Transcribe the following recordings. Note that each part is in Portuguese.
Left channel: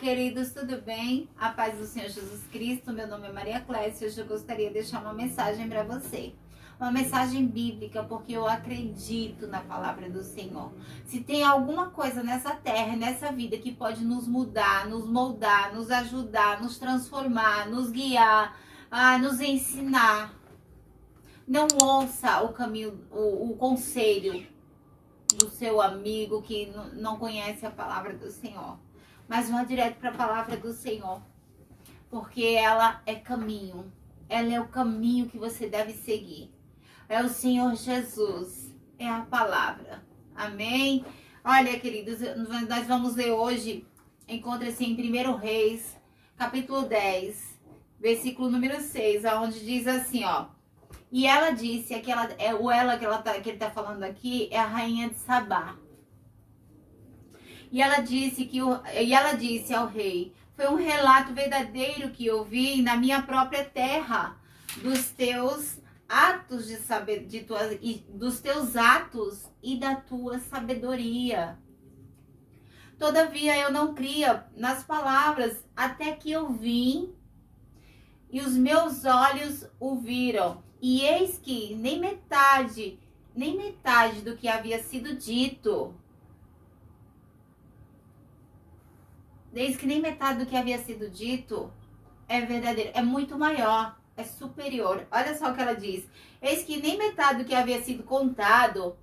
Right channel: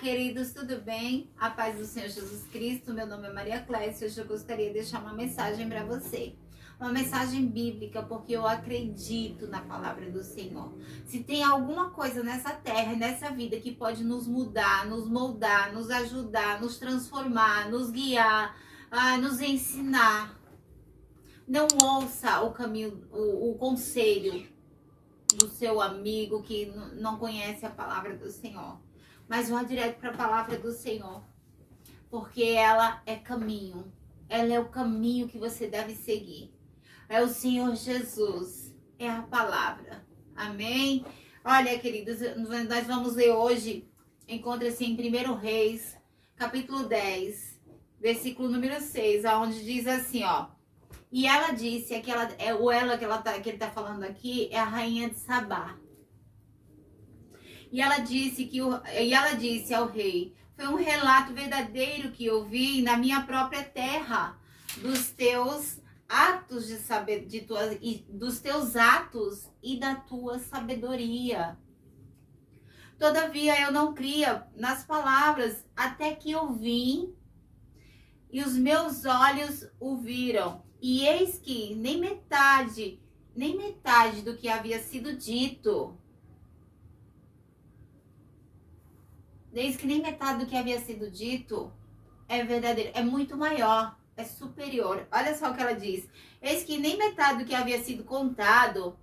Queridos, tudo bem? A paz do Senhor Jesus Cristo. Meu nome é Maria Clécia. Hoje eu gostaria de deixar uma mensagem para você. Uma mensagem bíblica, porque eu acredito na palavra do Senhor. Se tem alguma coisa nessa terra, nessa vida que pode nos mudar, nos moldar, nos ajudar, nos transformar, nos guiar, nos ensinar, não ouça o caminho, o conselho do seu amigo que não conhece a palavra do Senhor. Mas vá direto para a palavra do Senhor, porque ela é caminho, ela é o caminho que você deve seguir. É o Senhor Jesus, é a palavra. Amém? Olha, queridos, nós vamos ler hoje, encontra-se em 1 Reis, capítulo 10, versículo número 6, onde diz assim, ó. E ela disse, que ele tá falando aqui é a rainha de Sabá. E ela disse ao rei: foi um relato verdadeiro que eu vi na minha própria terra, dos teus atos dos teus atos e da tua sabedoria. Todavia eu não cria nas palavras, até que eu vim e os meus olhos o viram. E eis que nem metade do que havia sido dito. Desde que nem metade do que havia sido dito é verdadeiro, é muito maior, é superior. Olha só o que ela diz. Eis que nem metade do que havia sido contado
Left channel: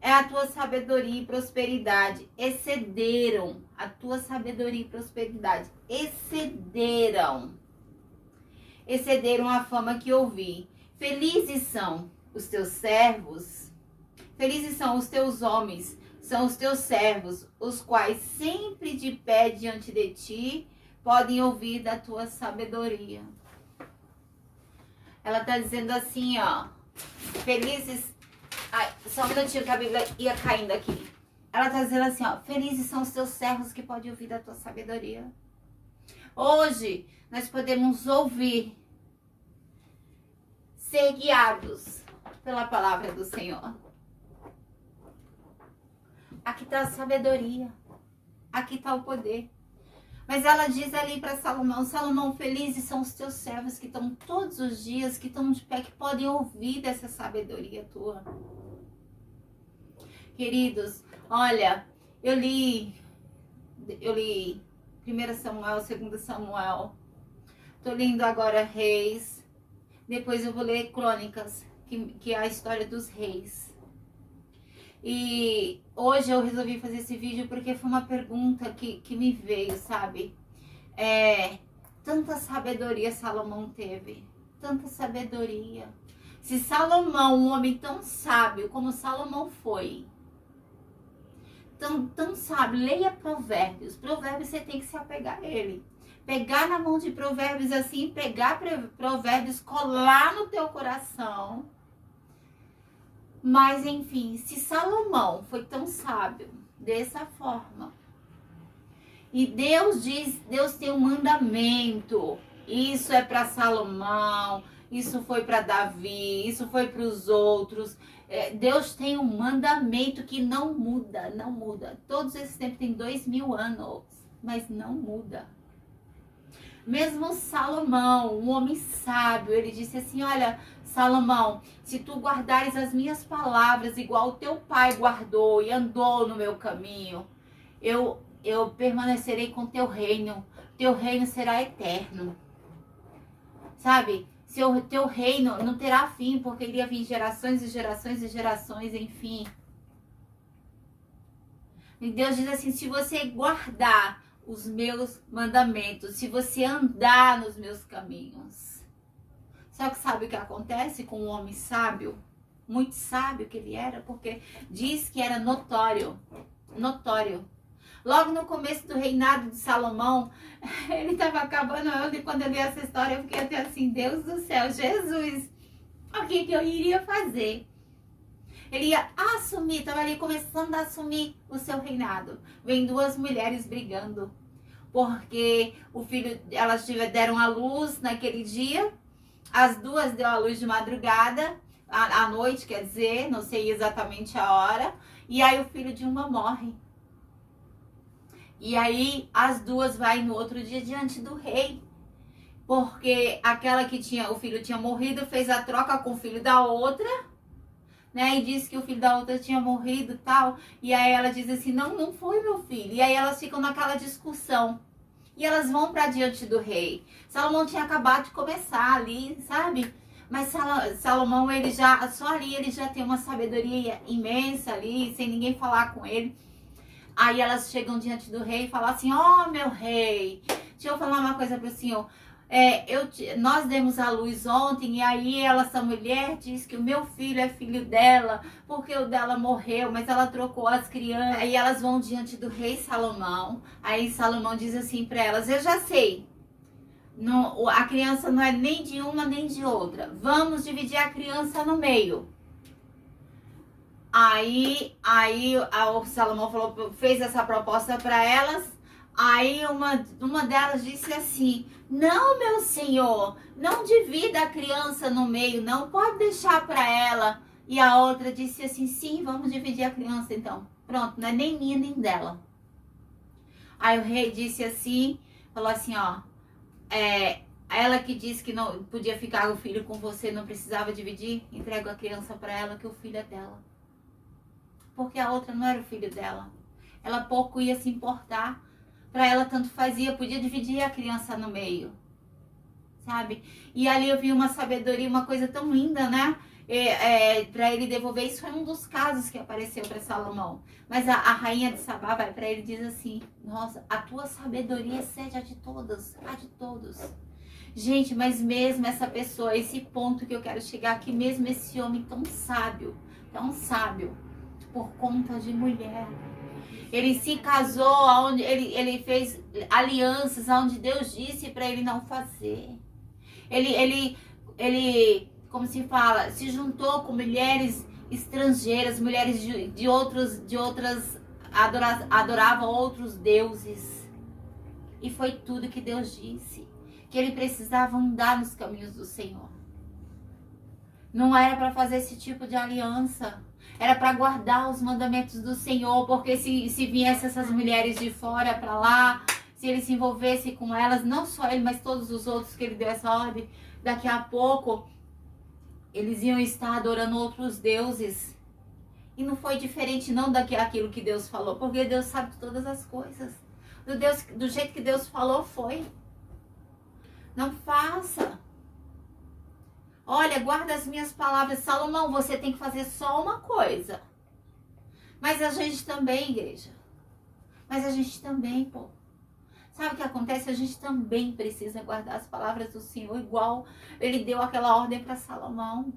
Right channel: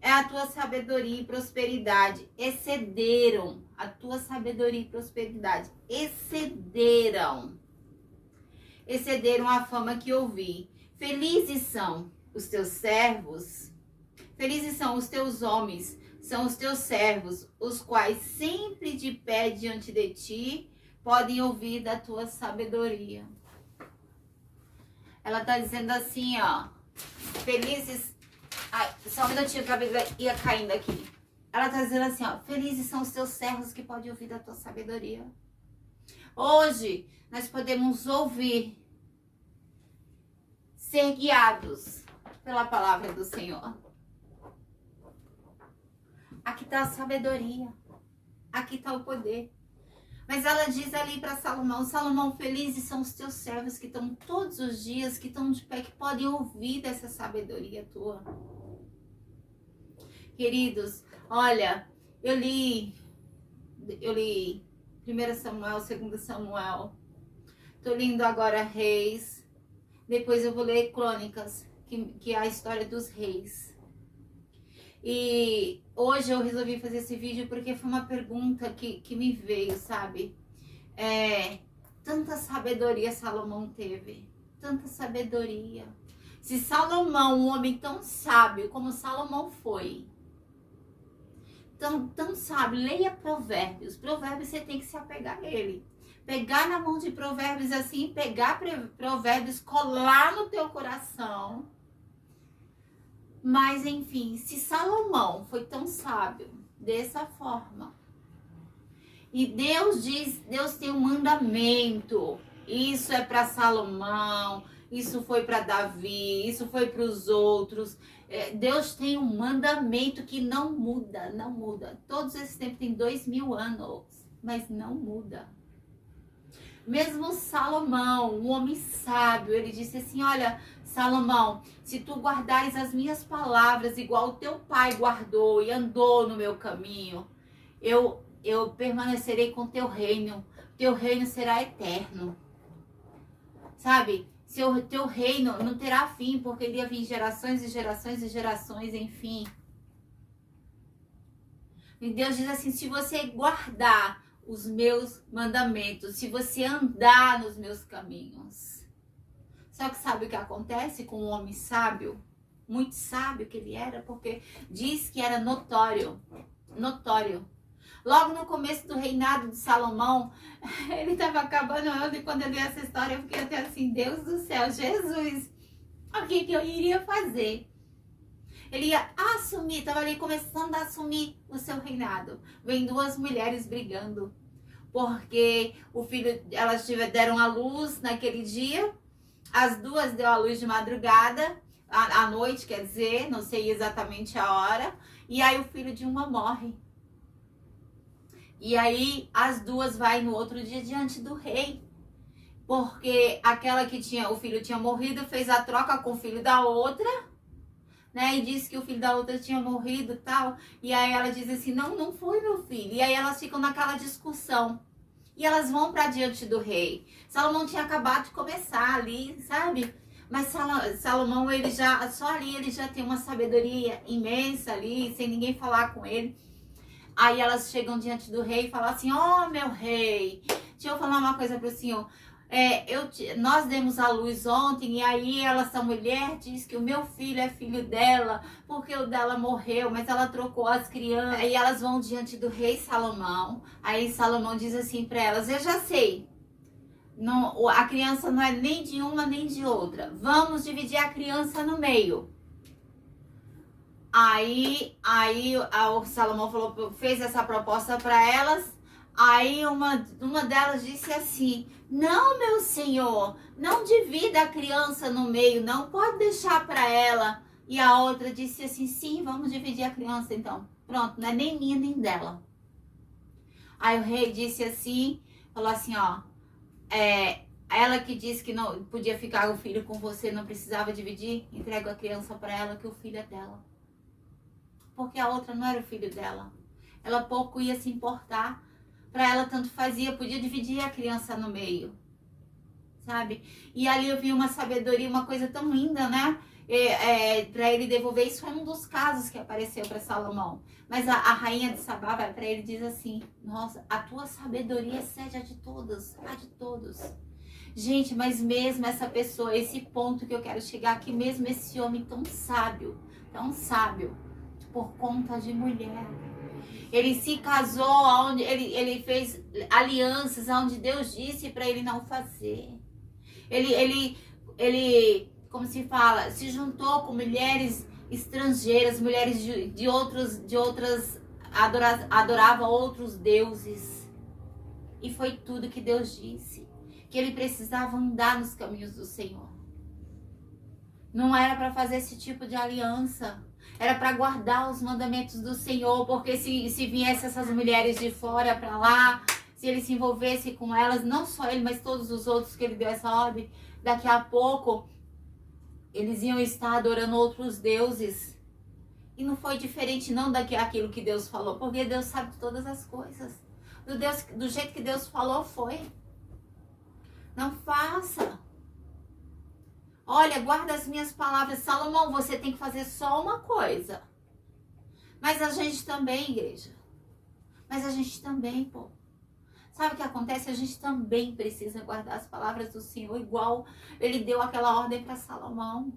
é a tua sabedoria e prosperidade. Excederam a tua sabedoria e prosperidade. Excederam a fama que ouvi. Felizes são os teus servos, felizes são os teus homens, são os teus servos, os quais sempre de pé diante de ti podem ouvir da tua sabedoria. Ela tá dizendo assim, ó, felizes... Ai, só um minutinho que a Bíblia ia caindo aqui. Ela tá dizendo assim, ó, felizes são os teus servos que podem ouvir da tua sabedoria. Hoje, nós podemos ouvir, ser guiados pela palavra do Senhor. Aqui está a sabedoria, aqui está o poder. Mas ela diz ali para Salomão, Salomão, felizes são os teus servos que estão todos os dias, que estão de pé, que podem ouvir dessa sabedoria tua. Queridos, olha, eu li 1 Samuel, 2 Samuel, tô lendo agora Reis, depois eu vou ler Crônicas, que é a história dos reis. E hoje eu resolvi fazer esse vídeo porque foi uma pergunta que me veio, sabe? Tanta sabedoria Salomão teve, tanta sabedoria. Se Salomão, um homem tão sábio como Salomão foi, tão sábio, leia Provérbios. Provérbios você tem que se apegar a ele. Pegar na mão de Provérbios assim, pegar Provérbios, colar no teu coração. Mas, enfim, se Salomão foi tão sábio dessa forma, e Deus tem um mandamento, isso é para Salomão, isso foi para Davi, isso foi para os outros. Deus tem um mandamento que não muda, não muda. Todos esses tempos tem 2000 anos, mas não muda. Mesmo Salomão, um homem sábio, ele disse assim, olha, Salomão, se tu guardares as minhas palavras igual o teu pai guardou e andou no meu caminho, eu permanecerei com teu reino será eterno. Sabe? Teu reino não terá fim, porque ele ia vir gerações e gerações e gerações, enfim. E Deus diz assim, se você guardar os meus mandamentos, se você andar nos meus caminhos. Só que sabe o que acontece com um homem sábio? Muito sábio que ele era, porque diz que era notório. Logo no começo do reinado de Salomão, ele estava acabando, e quando eu li essa história, eu fiquei até assim, Deus do céu, Jesus, o que eu iria fazer? Ele ia assumir, estava ali começando a assumir o seu reinado. Vem duas mulheres brigando, porque elas deram à luz naquele dia, as duas deu à luz de madrugada, à noite, quer dizer, não sei exatamente a hora, e aí o filho de uma morre. E aí as duas vai no outro dia diante do rei. Porque aquela que tinha, o filho tinha morrido, fez a troca com o filho da outra, né? E disse que o filho da outra tinha morrido e tal. E aí ela diz assim, não, não foi meu filho. E aí elas ficam naquela discussão. E elas vão para diante do rei. Salomão tinha acabado de começar ali, sabe? Mas Salomão, ele já, só ali ele já tem uma sabedoria imensa ali, sem ninguém falar com ele. Aí elas chegam diante do rei e falam assim, ó, meu rei, deixa eu falar uma coisa pro senhor. Nós demos à luz ontem e aí essa mulher diz que o meu filho é filho dela, porque o dela morreu, mas ela trocou as crianças. Aí elas vão diante do rei Salomão, aí Salomão diz assim para elas, eu já sei, não, a criança não é nem de uma nem de outra, vamos dividir a criança no meio. Aí o Salomão falou, fez essa proposta para elas. Aí uma delas disse assim, não, meu senhor, não divida a criança no meio, não, pode deixar para ela. E a outra disse assim, sim, vamos dividir a criança então. Pronto, não é nem minha nem dela. Aí o rei disse assim, falou assim, ó, ela que disse que não podia ficar o filho com você, não precisava dividir, entrega a criança para ela, que o filho é dela. Porque a outra não era o filho dela. Ela pouco ia se importar. Para ela tanto fazia, podia dividir a criança no meio, sabe? E ali eu vi uma sabedoria, uma coisa tão linda, né? Para ele devolver, isso foi um dos casos que apareceu para Salomão. Mas a rainha de Sabá vai para ele e diz assim, nossa, a tua sabedoria seja de todos, a de todos. Gente, mas mesmo essa pessoa, esse ponto que eu quero chegar aqui, mesmo esse homem tão sábio, por conta de mulher. Ele se casou, onde ele fez alianças onde Deus disse para ele não fazer. Ele, como se fala, se juntou com mulheres estrangeiras, mulheres de outras, adoravam outros deuses. E foi tudo que Deus disse, que ele precisava andar nos caminhos do Senhor. Não era para fazer esse tipo de aliança. Era para guardar os mandamentos do Senhor, porque se viesse essas mulheres de fora para lá, se ele se envolvesse com elas, não só ele, mas todos os outros que ele deu essa ordem, daqui a pouco eles iam estar adorando outros deuses. E não foi diferente não daquilo que Deus falou, porque Deus sabe de todas as coisas. Do jeito que Deus falou, foi. Não faça. Olha, guarda as minhas palavras. Salomão, você tem que fazer só uma coisa. Mas a gente também, igreja. Mas a gente também, pô. Sabe o que acontece? A gente também precisa guardar as palavras do Senhor, igual ele deu aquela ordem para Salomão.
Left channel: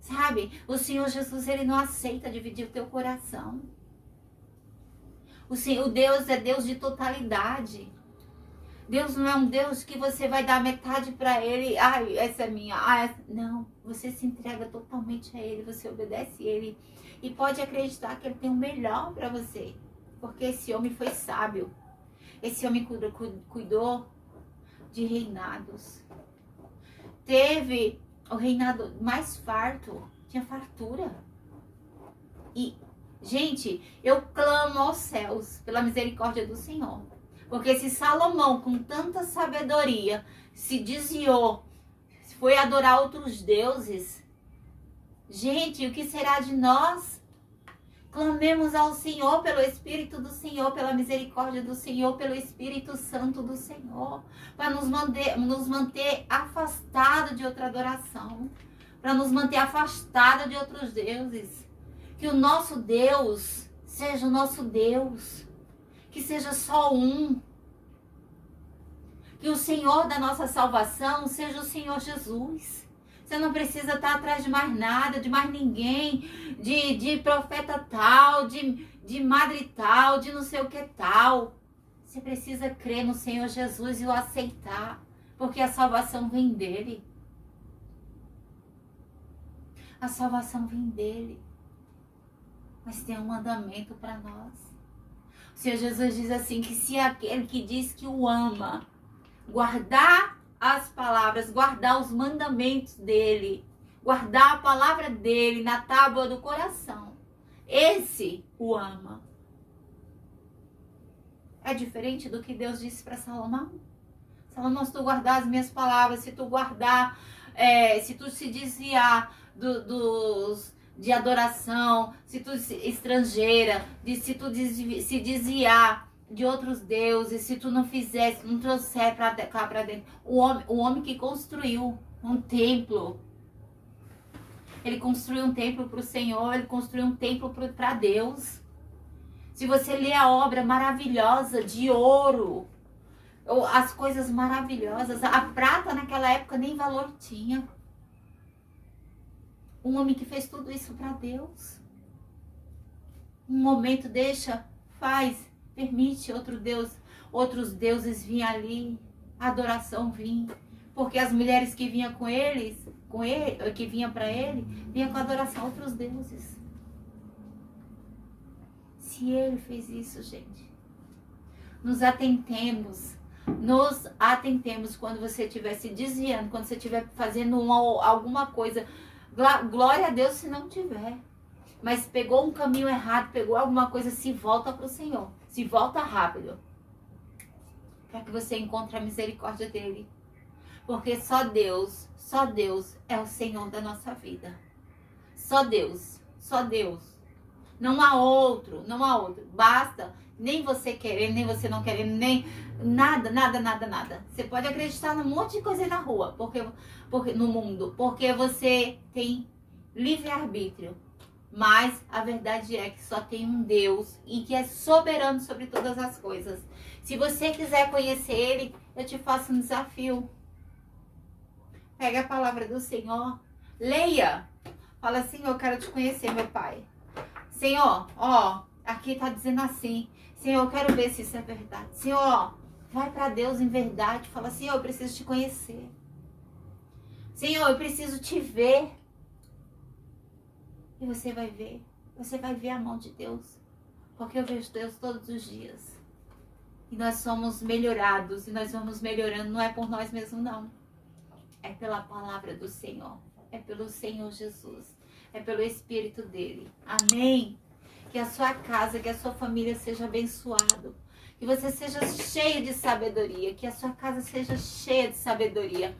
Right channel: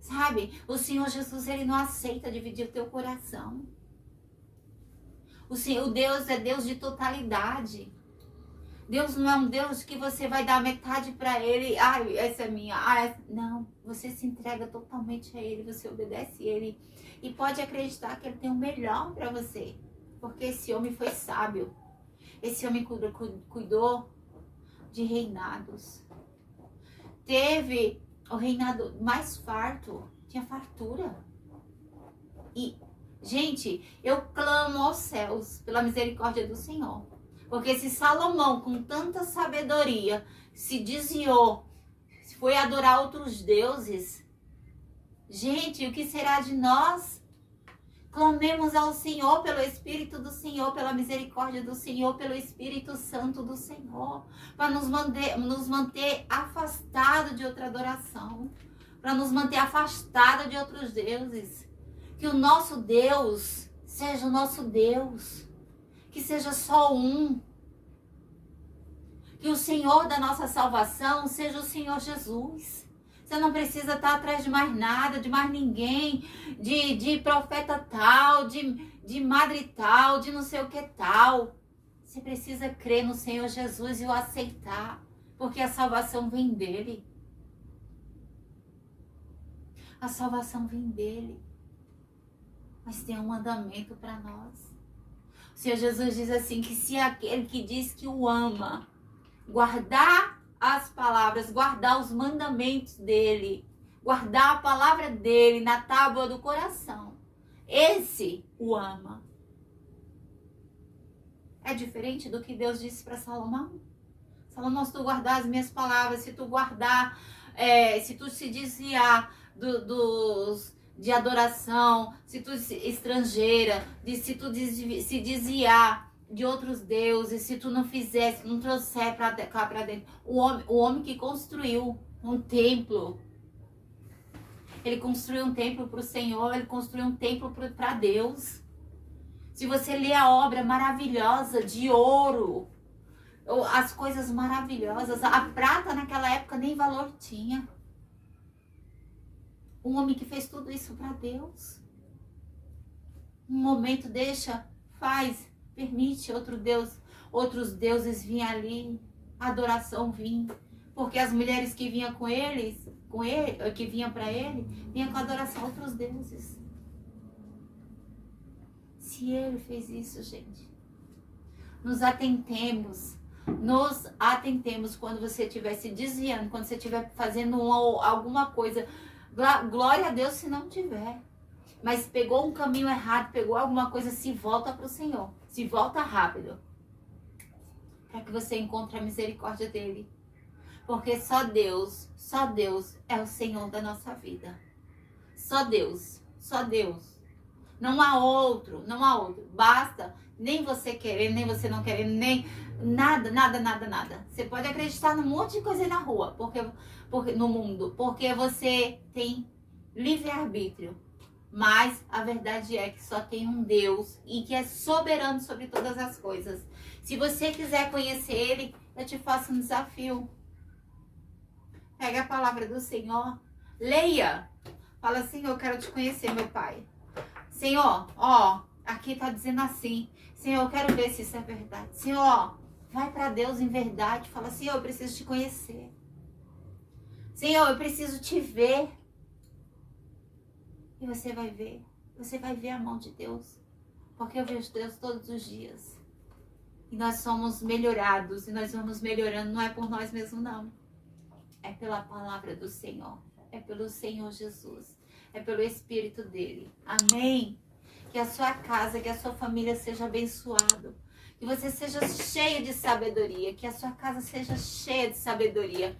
Sabe? O Senhor Jesus, ele não aceita dividir o teu coração. O Deus é Deus de totalidade. Deus não é um Deus que você vai dar metade para ele. Ai, essa é minha. Não, você se entrega totalmente a ele, você obedece a ele. E pode acreditar que ele tem o melhor para você. Porque esse homem foi sábio. Esse homem cuidou de reinados. Teve o reinado mais farto. Tinha fartura. E, gente, eu clamo aos céus pela misericórdia do Senhor. Porque se Salomão, com tanta sabedoria, se desviou, foi adorar outros deuses, gente, o que será de nós? Clamemos ao Senhor pelo Espírito do Senhor, pela misericórdia do Senhor, pelo Espírito Santo do Senhor, para nos manter afastados de outra adoração, para nos manter afastados de outros deuses. Que o nosso Deus seja o nosso Deus. Que seja só um. Que o Senhor da nossa salvação seja o Senhor Jesus. Você não precisa estar atrás de mais nada, de mais ninguém, de profeta tal, de madre tal, de não sei o que tal. Você precisa crer no Senhor Jesus e o aceitar, porque a salvação vem dele. A salvação vem dele. Mas tem um mandamento para nós. O Senhor Jesus diz assim, que se aquele que diz que o ama, guardar as palavras, guardar os mandamentos dele, guardar a palavra dele na tábua do coração, esse o ama. é diferente do que Deus disse para Salomão. Salomão, se tu guardar as minhas palavras, se tu guardar, se tu se desviar de adoração, se tu estrangeira, se tu se desviar de outros deuses, se tu não fizer, se não trouxer para cá para dentro. O homem que construiu um templo, ele construiu um templo para o Senhor, ele construiu um templo para Deus. Se você ler a obra maravilhosa de ouro, as coisas maravilhosas, a prata naquela época nem valor tinha. Um homem que fez tudo isso para Deus. Um momento permite outros deuses virem ali, a adoração vir. Porque as mulheres que vinham que vinham para ele, vinham com adoração a outros deuses. Se ele fez isso, gente, nos atentemos quando você estiver se desviando, quando você estiver fazendo alguma coisa. Glória a Deus se não tiver. Mas pegou um caminho errado, pegou alguma coisa, se volta para o Senhor. Se volta rápido. Para que você encontre a misericórdia dele. Porque só Deus é o Senhor da nossa vida. Só Deus. Não há outro. Basta, nem você querendo, nem você não querendo, nem nada. Você pode acreditar num monte de coisa aí na rua, no mundo, porque você tem livre-arbítrio. Mas a verdade é que só tem um Deus e que é soberano sobre todas as coisas. Se você quiser conhecer ele, eu te faço um desafio. Pega a palavra do Senhor, leia. Fala assim, eu quero te conhecer, meu Pai. Senhor, aqui tá dizendo assim. Senhor, eu quero ver se isso é verdade. Senhor, vai para Deus em verdade. Fala assim, eu preciso te conhecer. Senhor, eu preciso te ver. E você vai ver a mão de Deus. Porque eu vejo Deus todos os dias. E nós somos melhorados, e nós vamos melhorando, não é por nós mesmos, não. É pela palavra do Senhor. É pelo Senhor Jesus. É pelo Espírito dele. Amém? Que a sua casa, que a sua família seja abençoado. Que você seja cheio de sabedoria. Que a sua casa seja cheia de sabedoria.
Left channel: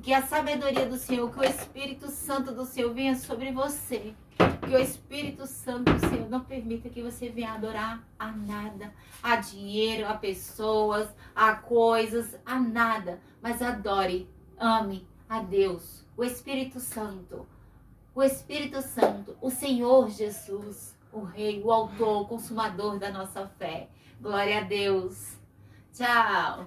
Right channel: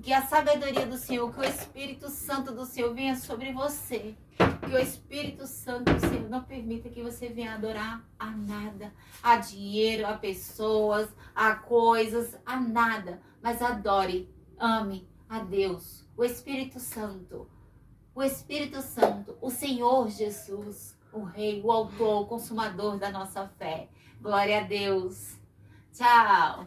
Que a sabedoria do Senhor, que o Espírito Santo do Senhor venha sobre você. Que o Espírito Santo do Senhor não permita que você venha adorar a nada. A dinheiro, a pessoas, a coisas, a nada. Mas adore, ame a Deus. O Espírito Santo. O Espírito Santo. O Senhor Jesus. O Rei, o Autor, o Consumador da nossa fé. Glória a Deus. Tchau.